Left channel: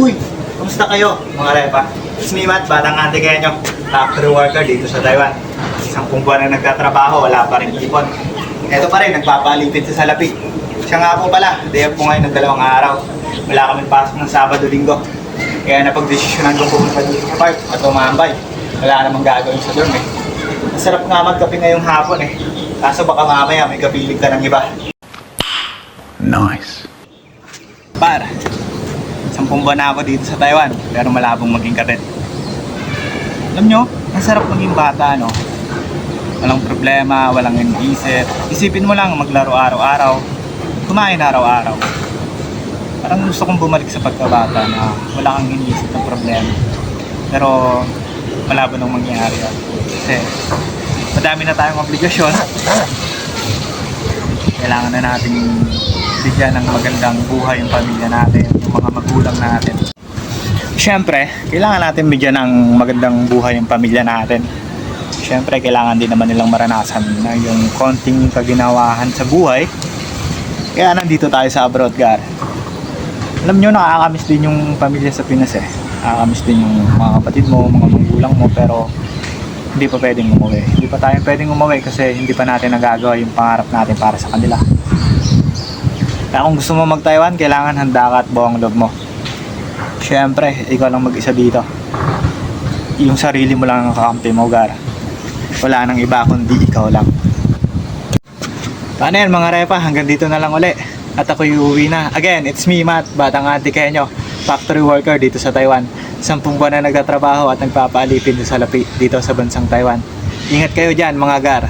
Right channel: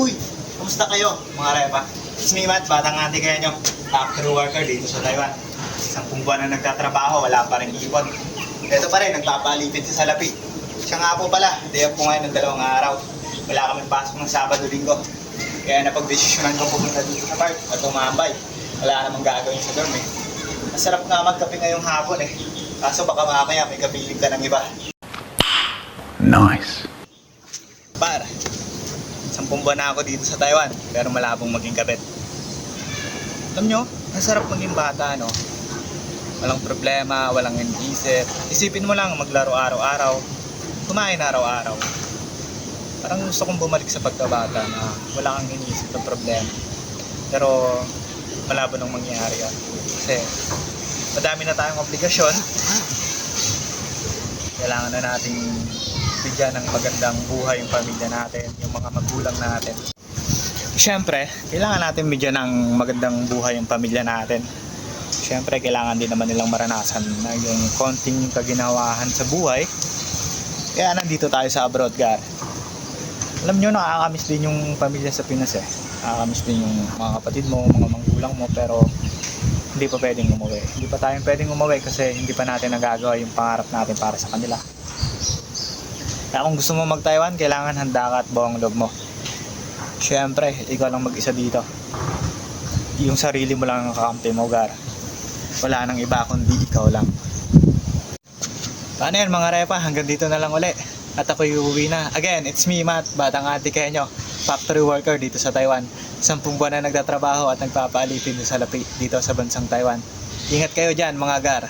Uy! Kamusta kayo mga repa? It's me Matt, batang Antikeño, factory worker dito sa Taiwan. Isang buwan na nagtatrabaho, wala pa rin ipon. Ito pa rin, nagpapalipid sa salapi. Siya nga po pala, day off po ngayon ng 2 araw. Wala kami pasok ng Sabado-Linggo. Kaya napag-desisyonan ko pumunta dito sa park at umambay. Wala namang gagawin sa dorm eh. Masarap nga magkape ngayong hapon eh. Kaso baka mamaya may kapiling ka ng iba. Nice. Par, 10 buwan na ako dito sa Taiwan, pero malabong maging katet. Alam nyo, ang sarap maging bata, no? Walang problema, walang iniisip. Isipin mo lang maglaro araw-araw, kumain araw-araw. Parang gusto kong bumalik sa pagkabata na wala kang iniisip ng problema. Pero malabo nang mangyari yun. Kasi madami na tayong obligasyon. Kailangan na nating bigyan ng magandang buhay yung pamilya natin, yung mga magulang natin. Siyempre, kailangan natin bigyan ng magandang buhay yung pamilya natin. Siyempre, kailangan din naman nilang maranasan na yung konting kaginawahan sa buhay. Kaya nandito tayo sa abroad, gar. Alam nyo, nakakamiss din yung pamilya sa Pinas eh. Nakakamiss din yung mga kapatid mo, mga magulang mo, pero hindi pa pwedeng umuwi. Hindi pa tayo pwedeng umuwi kasi hindi pa natin nagagawa yung pangarap natin para sa kanila. Kaya kung gusto mo mag-Taiwan, kailangan handa ka at buong loob mo. Siyempre, ikaw lang mag-isa dito. Yung sarili mo lang ang kakampi mo, gar. Wala nang iba kundi ikaw lang. Paano yan mga repa? Hanggang dito na lang uli. At ako'y uuwi na. Again, it's me Matt, batang Antikeño, factory worker dito sa Taiwan. 10 buwan na nagtatrabaho at nagpapaalipin sa salapi dito sa bansang Taiwan. Ingat kayo dyan mga gar.